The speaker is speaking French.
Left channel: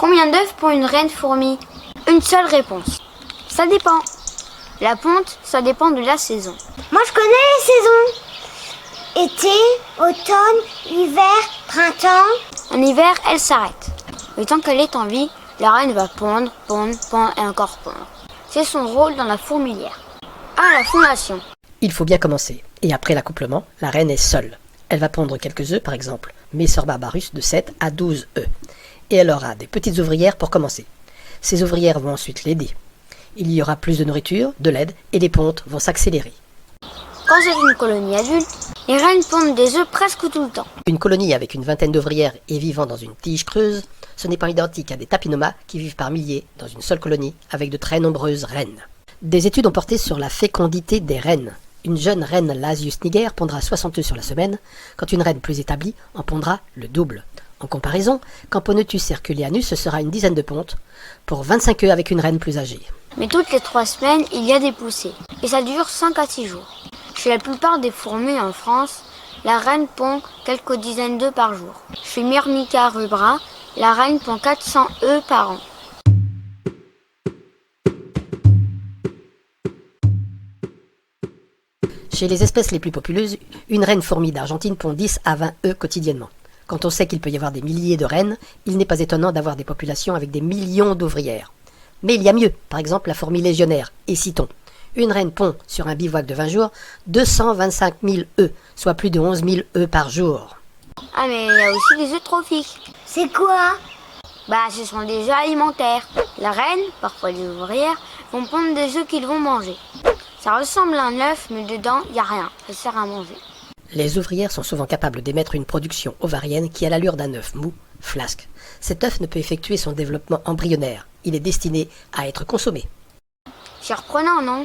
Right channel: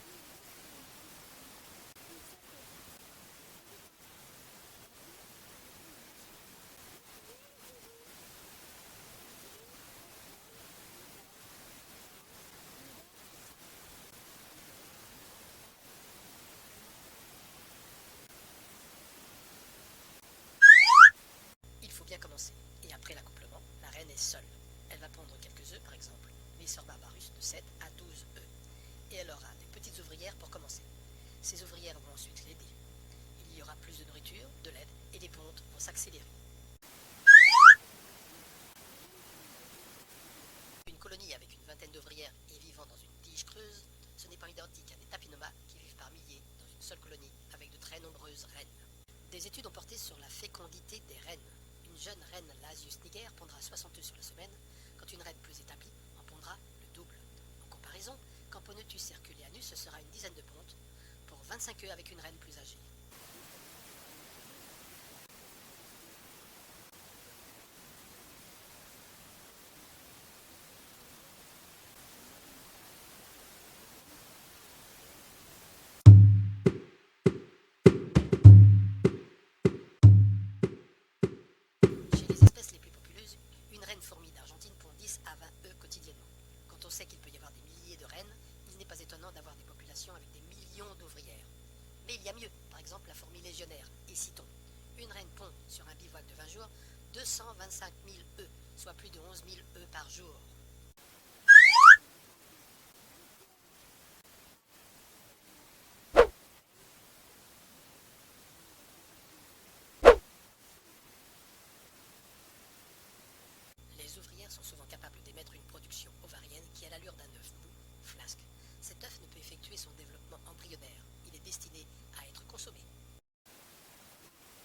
Combien d'œufs pond une reine fourmi? Une seule réponse. Ça dépend. La ponte, ça dépend de la saison. Moi, je connais les saisons. Été, automne, hiver, printemps. En hiver, elle s'arrête. Le temps qu'elle est en vie, la reine va pondre, pondre, pondre et encore pondre. C'est son rôle dans la fourmilière. La fondation. Il faut bien commencer. Et après l'accouplement, la reine est seule. Elle va pondre quelques œufs, par exemple, Messor barbarus de 7 à 12 œufs. Et elle aura des petites ouvrières pour commencer. Ces ouvrières vont ensuite l'aider. Il y aura plus de nourriture, de l'aide, et les pontes vont s'accélérer. Quand c'est une colonie adulte, les reines pondent des œufs presque tout le temps. Une colonie avec une vingtaine d'ouvrières et vivant dans une tige creuse, ce n'est pas identique à des tapinomas qui vivent par milliers dans une seule colonie avec de très nombreuses reines. Des études ont porté sur la fécondité des reines. Une jeune reine Lasius niger pondra 60 œufs sur la semaine, quand une reine plus établie en pondra le double. En comparaison, Camponotus herculeanus, ce sera une dizaine de pontes, pour 25 œufs avec une reine plus âgée. Mais toutes les 3 semaines, il y a des poussées. Et ça dure 5 à 6 jours. Chez la plupart des fourmis en France, la reine pond quelques dizaines d'œufs par jour. Chez Myrmica rubra, la reine pond 400 œufs par an. Chez les espèces les plus populeuses, une reine fourmi d'Argentine pond 10 à 20 œufs quotidiennement. Quand on sait qu'il peut y avoir des milliers de reines, il n'est pas étonnant d'avoir des populations avec des millions d'ouvrières. Mais il y a mieux, par exemple la fourmi légionnaire, et citons. Une reine pond, sur un bivouac de 20 jours, 225 000 œufs, soit plus de 11 000 œufs par jour. Mais il y a aussi des œufs trophiques. C'est quoi? Ce sont des œufs alimentaires. La reine, parfois les ouvrières, vont pondre des œufs qu'ils vont manger. Ça ressemble à un œuf, mais dedans, il n'y a rien. Ça sert à manger. Les ouvrières sont souvent capables d'émettre une production ovarienne qui a l'allure d'un œuf mou, flasque. Cet œuf ne peut effectuer son développement embryonnaire. Il est destiné à être consommé. Surprenant, non?